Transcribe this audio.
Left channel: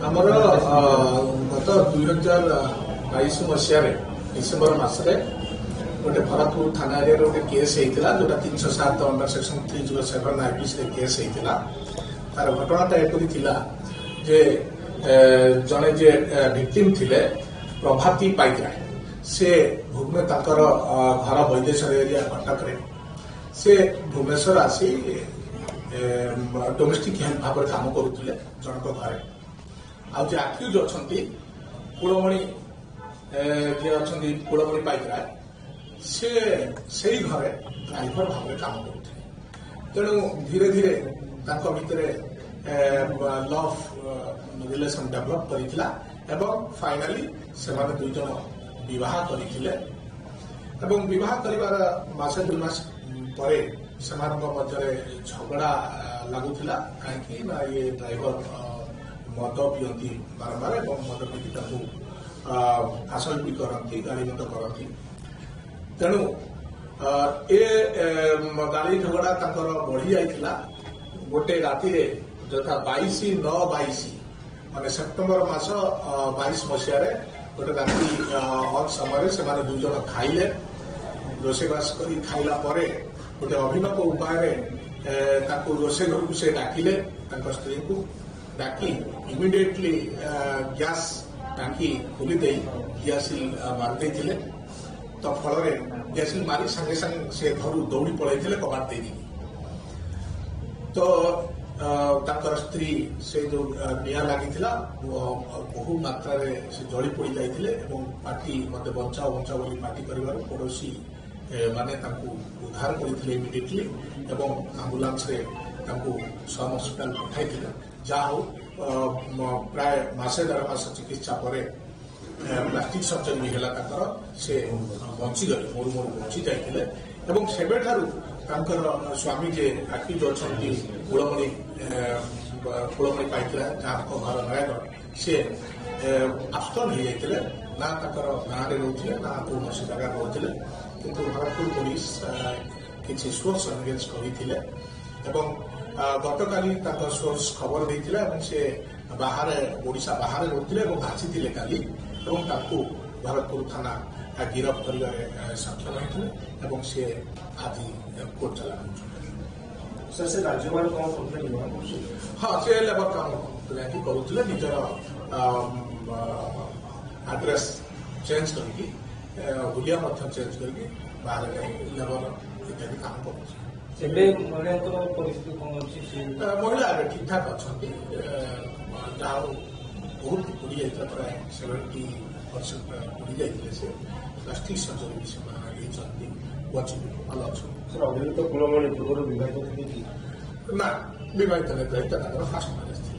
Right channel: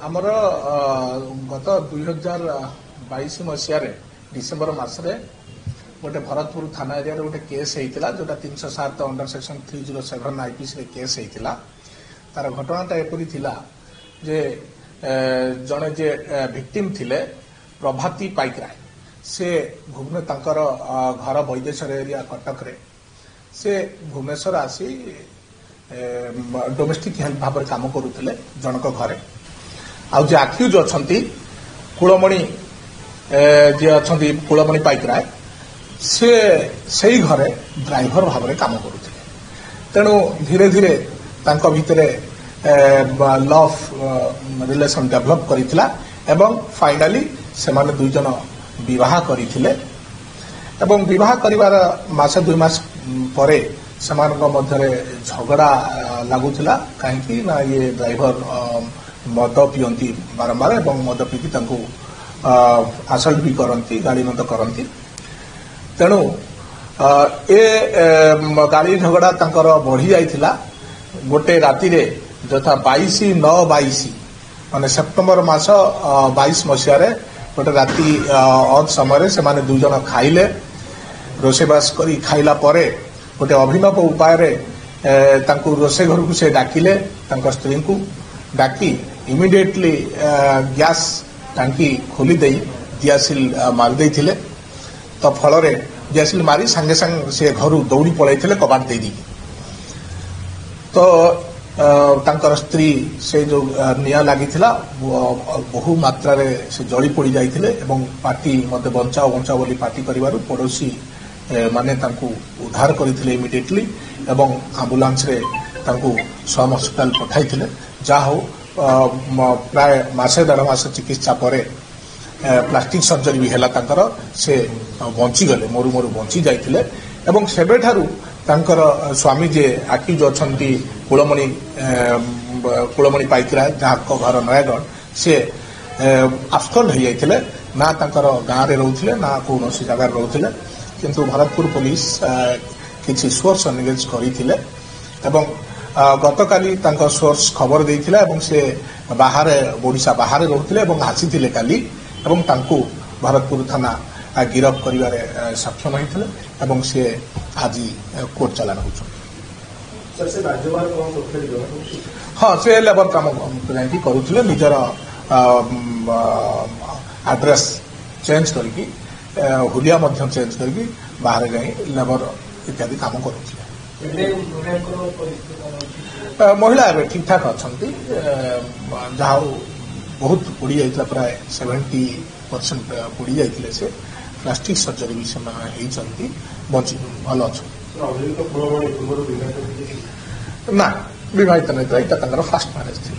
आमर गत 2022 मसीह डिसेम्बर मसरे गोटे भरतपुर थाना एरिया गोटे केस होता जोटा 307 अंडर सेक्शन 307 आईपीसी केस होता तार घटनाटा एपरी थिला जे जड़े जे विक्टिम थिले प्रभाती पाइकराय से भुवने तांकर घर वैदेश्वर एरिया कटक रे से भुवनेश्वर आसी डोमेस्टिक हेल्प भाव काम करुले जनक घरे आउ जे आक्यूज अच्छा कुलमणि जे अच्छा कुलमणि पाइकराय से सही घरे ड्राइवर भाव में काम करुले तेणु धीरे धीरे तांको भितरे लव रिलेशन डेभलप करिथिला एवं फाइनाली से माने दुई जन विवाह करथिले एवं विवाह करिवार मासे 2 मास परे सेमानक मध्यरे झगड़ा लागुथिला काहेकि ना ये ड्राइवर मद पियंती बारंबार एवं मद पीकी तांको आसल्ट भी करंती गाड़ी मत करंती तेणु ए गाड़ी झगड़ा तांकर बढ़ी जाइथिला गोटे राति रे जथा 22/9/22 माने सेप्टेम्बर मास 22 मसीह गोटे राति अध समय से माने दुई जन खाइले रोसेबास करी खाइला परे गोटे अभिनव उपाय रे तांको रोसे घर को से डाकिले तांको स्त्री को डाकी इमिडिएटली गैस टांकी खोली दे दियासिल मार देथिले तो फल रे दियासिल मारी संगे संग से घर दौड़ी पळैथिले कबाट दे दी तो तांकर स्त्री से जो निया लागिथिला बहु मात्रा रे से जली पड़ी जाइथिले एवं पार्टी मते बंचाओ बंचाओ बोली पार्टी करिवारु पड़ोसी माने तांको उद्धार करिथिले इमिडिएटली एवं एम्बुलेंस रे तांको सम हॉस्पिटल पठाइथिले जा हो प्राय मासे 1.5 मास चिकित्सा परे प्लास्टिक सर्जरी भी हैला तांकर से बंची गले मोरु मोरु बंची जाइथिले एवं सेबेठारु तांकर स्वामी जे आक्यूज अछंती कुलमणि पाइकराय जहाँ घर नयागढ़ से आब्सकॉन्ड हो जाइथिले ना तांकर गाँव रे रहउथिले ना कोनोसी जगह रहउथिले किंतु भरतपुर पुलिस किछि सोर्स एंगेज करिथिले एवं गतकाली तांकर सोर्स खबर देइथिले एवं से बाहर ओडिशा बाहर रहउथिले एवं हासिथिले काली एवं तांको भरतपुर थाना गिरफ करिवारे सक्षम होइथिले एवं से आज कोर्ट चालान होउछ हाँ से लेबर काम करुले निजर एड्रेस चेंज करके हुलिया चेंज करके बाहर जाई लेबर इत्यादि काम करुले महिला एवं ठीक ठाक अच्छा जहाँ बहुत पड़ी जाता प्राय 70% पड़ी जाते से प्लास्टिक सर्जरी भी से बची भल अच्छा ना विवाहित नहीं था फास्ट मैरेज थी।